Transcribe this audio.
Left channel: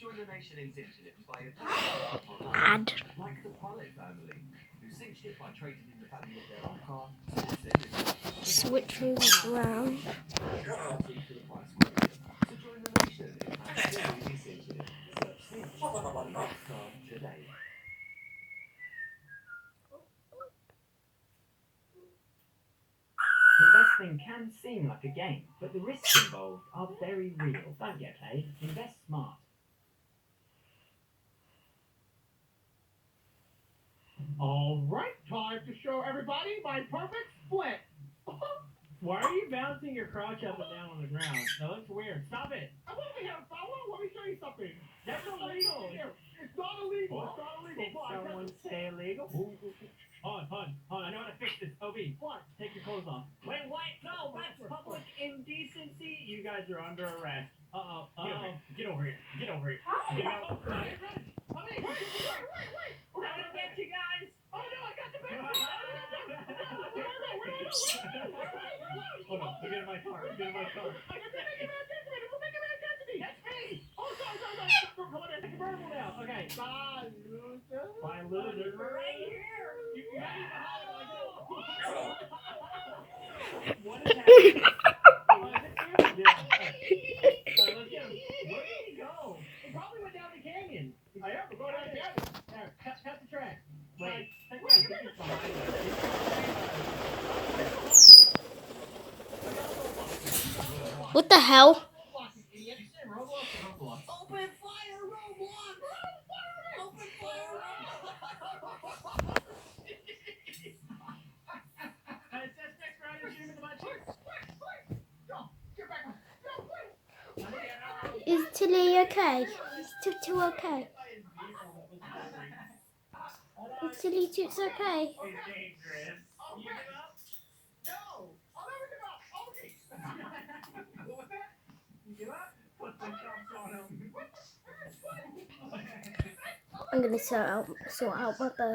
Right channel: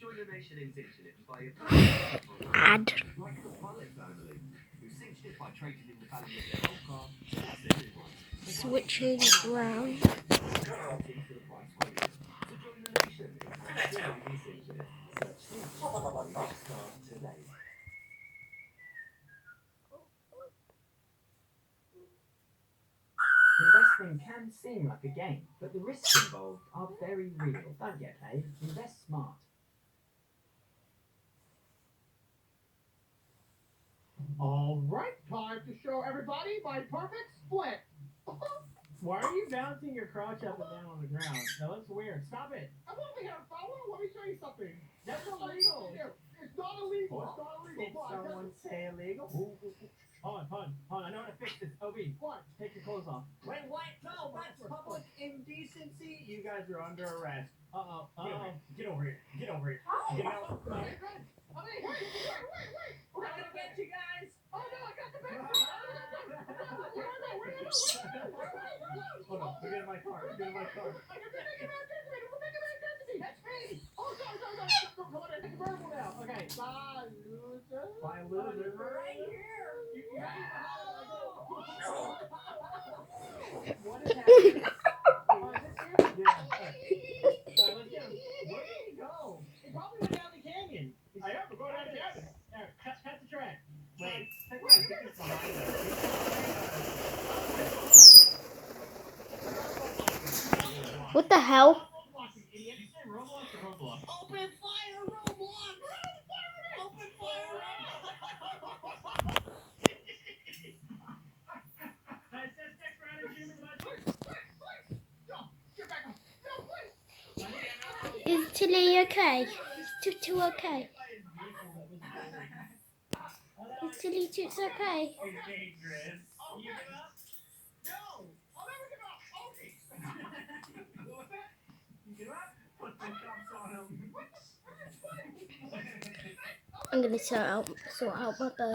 Join the nation in Zinchit by a Add. like the Pilot family, who cinched it by trading in the value of their old car. Switching around. For the price quoted. So join the nation in absolutely Zinchit. Search Cinch on the next car today. Investing can seem like a game, but the risks involved are very real. Don't get paid. Invest smart. All right, time to show everybody my perfect split. Why are you bouncing your crotch up and down on the ground? That looks weird. Stop it. I'm over here, fella. Let me show you something. That's illegal. It's not illegal. It's not illegal. Did someone say illegal? Hold on. I know how to fix this. Obi, What? take your clothes off. Wait, no, that's public indecency. You guys are under arrest. Get over here. Get over here. Get out. Wait. I'm gonna get you guys. Oh no, I got the bag. Hold on. Get in my car. I got the bag. That's me. Oh, go. Come on in. It's verbal now. Okay. Bye, loser. Bye, loser. Right here. You got me behind. What is happening? Oh, is it you? Yeah. Alright, let's get him. Where did he go? He probably went down the canyon. I am. We're going down the cabin. There, cut the track. Wait. Take Wait, this behind us. What the hell? Roblox. Open fire, Roblox! Open fire, Roblox! It says next round is shooting the bunch. Get back up. No, wait. Is Tilly okay? Is Tutu okay? Is Tilly Toots okay? It's dangerous. You give up? No. I'll never give up. Okay. What was that? You give up? Put the jumps on him. I'm gonna sort out my bird.